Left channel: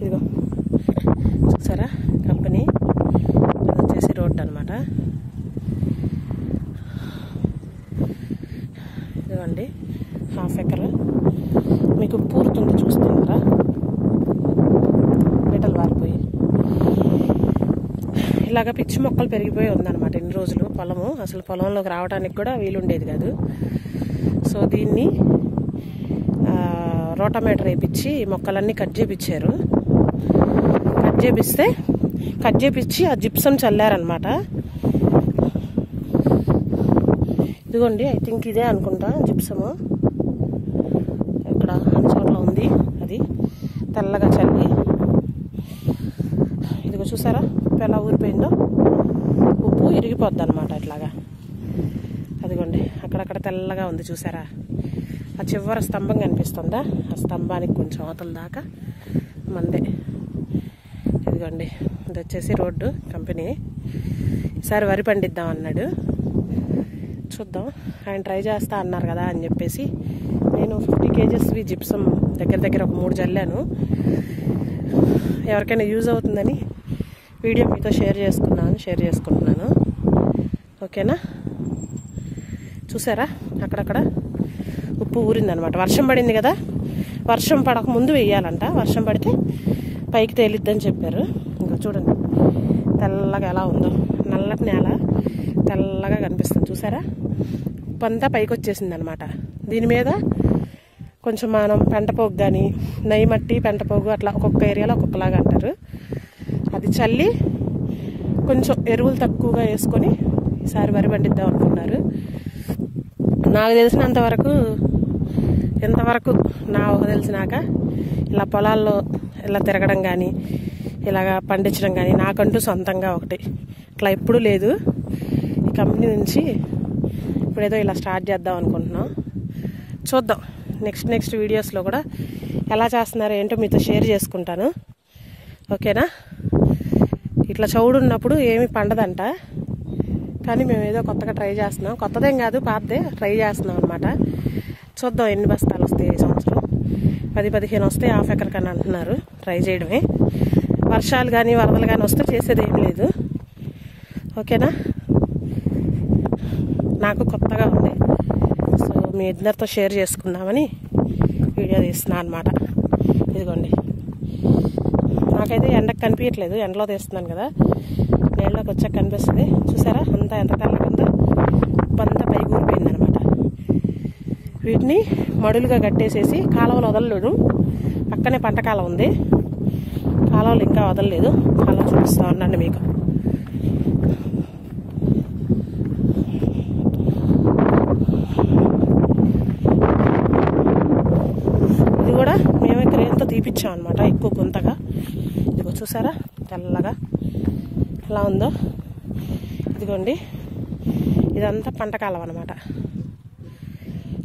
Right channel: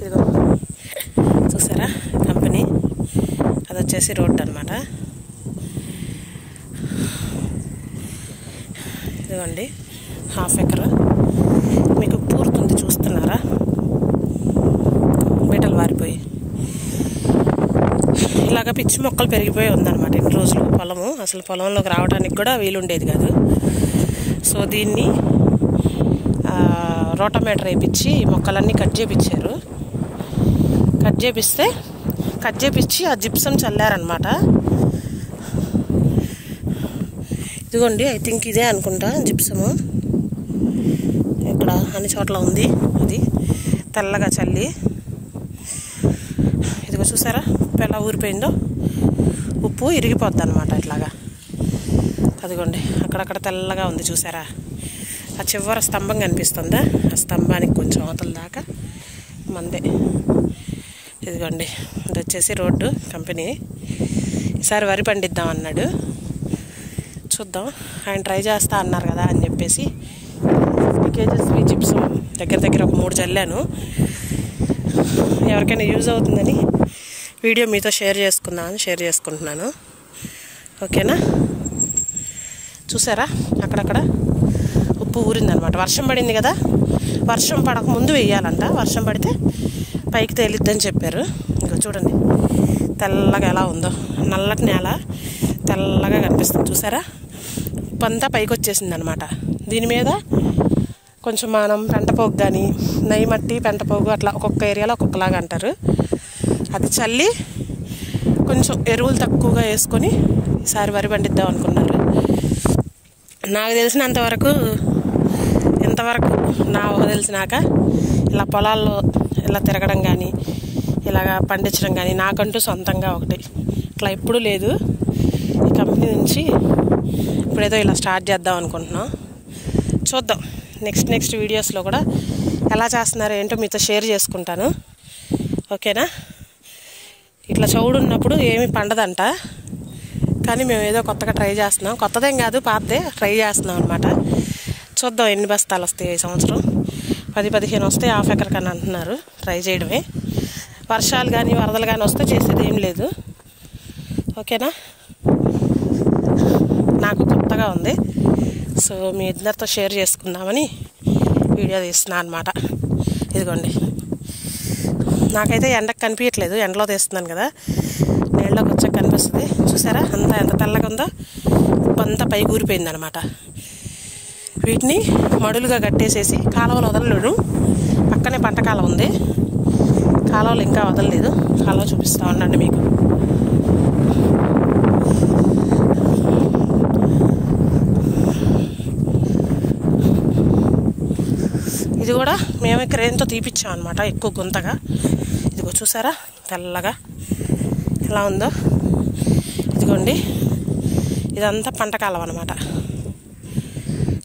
ఇదిగో చూసారా కంపెనీ, అది వచ్చేసి రోడ్ అనమాట. ఇదిగోండి 1/2 ఎకర్ మీకు పూర్తుంది, చూస్తున్నారా బీటలు వారిపోయి. ఇలాగ పిచ్చి మొక్కలు పెరిగిపోయి ఉందన్నమాట ఇన్ని రోజులు. పొలము అసలు పొలంలోకి రావడానికి కూడా వీలుండేది కాదు. సో దీన్ని రోటామీటర్ వేయించి మొక్కలన్నీ కట్ చేయించారు. కట్ చేయించి ఆ జిప్సం చల్లారనమాట. ఇదిగోండి, ఐ థింక్ ఇదే అనుకుంటా జిప్సము. ఇక్కడ అన్ని చోట్ల ఉంది, అది తెల్లగా చల్లి. ఇదిగో చూసారా ఉప్పు ఎలా ఊరిపోయిందో. ఉప్పు ఇరిగిపోద్ది అనమాట ఇట్లాగా. అదిగోండి అక్కడక్కడ తెల్లగా ఉంది చూసారా. ఆ చివర స్తంభం కనిపిస్తుందా, ఆ స్తంభానికి కొంచెం అవతల దాకా మందే. ఇదిగోండి ఇది వచ్చేసి రోడ్డు కంపెనీ. ఈసారి వరి పండిద్దాం అన్నాడు, చూద్దాం. ఆయన ట్రై చేస్తా అన్నారు కదా అని చెప్పేసి 50 kgs జిప్సం దగ్గర ఒక 3 జల్లాను. ఎవరికైనా యూజ్ అవుతుందని వీడియో మీతో షేర్ చేసుకుంటున్నాను. ఓకేనా, చూసారా అక్కడక్కడ ఉప్పు ఊరిందనమాట. వర్షం పడింది కదా, వర్షం పడక ముందు వేయాలంట. వర్షం పడితే పైకి తేలిద్దని చెప్పారు. ఇంకా చూడండి తెల్లగా ఎలా ఉందో, నల్లటి నేల తెల్లగా కనిపిస్తుంది చూసారా. ఉప్పు అంతా పైకి వచ్చేసింది అనమాట. దీని మీద కొంచెం మనం పెంటపోగు కానీ నెయ్యి మట్టి పెంటపోగు అట్లా ఒక్కొక్క ఏరియాలో ఒక్కొక్కలాగా అంటారు. అది చల్లి కొంచెం ఎరువులు తక్కువగా వేసుకొని ఈసారి వరి పండిద్దాం అనుకున్నారు. నాకు తెలిసినంతవరకు ఇంతవరకు నా ఊహ తెలిసినాక ఇలా పొలాల్లో ఇలా తిరగడం కానీ ఇలాగ పండించడం కానీ నాకంటూ సొంతంగా ఒకటి ఇట్లా ఎప్పుడూ లేదు. ఈ కంపెనీ నుంచి ఇప్పుడేదో ఇలా స్టార్ట్ చేద్దాం అనుకుంటున్నాం. చూద్దాం నెక్స్ట్ వీడియోస్లో కూడా ఎలా చేస్తున్నారో ఏంటో మీతో షేర్ చేసుకుంటాను. ఓకేనా. ఇట్లా చౌడు ఉన్నప్పుడు ఏమీ పండదంట, కానీ మేము ఏదో కొత్తగా ట్రై చేస్తున్నాం. కొత్తదేం కాదు, పాతదే ట్రై చేస్తున్నాం అనమాట. చూద్దాం ఎన్ని బస్తాలు వస్తాయి ఈ సంవత్సరం. 10-15 వస్తాయి 1/2 ఎకర్ కన్నా అంటున్నారు. ట్రై చేయడమే. వర్షాలు కానీ వరదలు కానీ వస్తే చేసేది ఏం లేదు. ఓకేనా. నాకు కొత్తగా ఉంది, సో మీ ఇద్దరితో షేర్ చేసుకుందామని వీడియో తీస్తున్నాను అనమాట. ఇదిగోండి నాకైతే ఎండకు కనిపించట్లేదు, ఎండలో తీస్తున్నాను కదా, నీళ్ళలోకి వచ్చాక కనిపిస్తుంది. చూసారా అంతా ఎంత తెల్లగా ఉందో. ఉప్పు అంతా పైకి ఊరిపోయింది అనమాట. వీటిని మడులుగా కట్టేసేసి కాలువలు వదలలేడు. పక్కనే పంట కాలువ ఉంది, కాలువలు ఇంకా వదలలేదు. కాలువ చూపిస్తూ ఉండండి మీకు. ఇది కూడా మేమే క్రేన్తో తీపిచ్చాం అనమాట, ఎక్కువ గుంతగా. ఇదిగో చూసారా తెల్లగా ఎలా ఉందో. ఇదిగోండి ఇదంతా పంట కాలం అనమాట.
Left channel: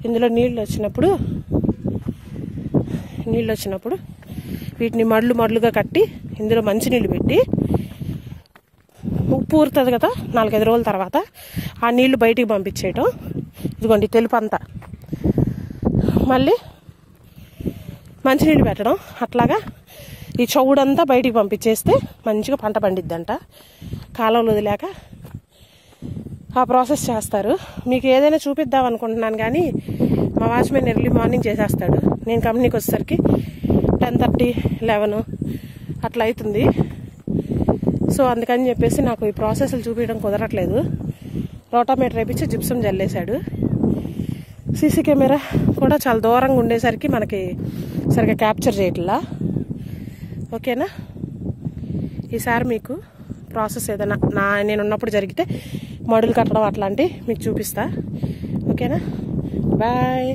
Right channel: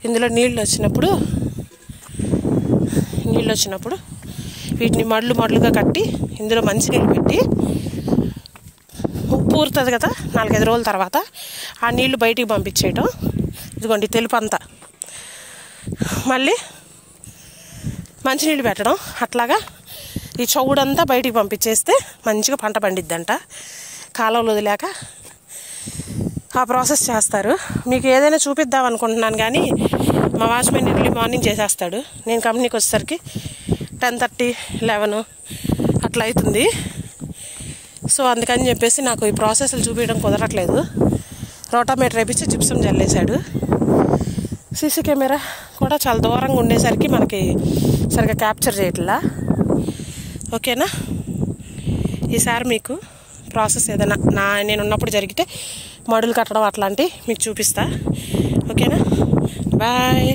ఇందులో నీళ్ళు వచ్చినప్పుడు వీటిని మడులుగా కట్టి ఇందులో మంచినీళ్ళు పెట్టి ఉప్పు ఊరుతుంది కదా 4-5 రోజుల తర్వాత ఆ నీళ్లు బయటికి పంపించేయటం. ఇదిగోండి తెలుపు అంతా మళ్ళీ మంచినీళ్ళు పెట్టడం. అట్లాగా ఈ చౌడంతా బయటికి పంపించేస్తే మంచిగా పంట పండిద్దంట. కాలువలు వదిలేక ఆ ప్రాసెస్ చేస్తారు. మీకు ఏదైనా చూపిద్దాం అనుకుంటున్నాను, కానీ మా వాచ్మెన్ ఎర్లీ మార్నింగ్ చేసేస్తాడు. నేను కంపెనీకి వచ్చేసరికి 10:30-11 అట్లా అవుతుంది. సో అందుకని చెప్పేసి నాకు ఈ ప్రాసెస్లు చూపించడం కుదరట్లేదు. రోటామీటర్ వేయించి జిప్సం జల్లేశాడు. సీసీ కెమెరా కూడా చాలా దూరంగా ఉండేసరికి మనకి సరిగ్గా క్యాప్చర్ చేయట్లా. ఓకేనా. ఈసారి మీకు ప్రాసెస్ ఏదైనా నేను ఉన్నప్పుడు జరిగితే మడులు కట్టడం అట్లాంటివి మీకు చూపిస్తా. ఓకేనా. బాయ్.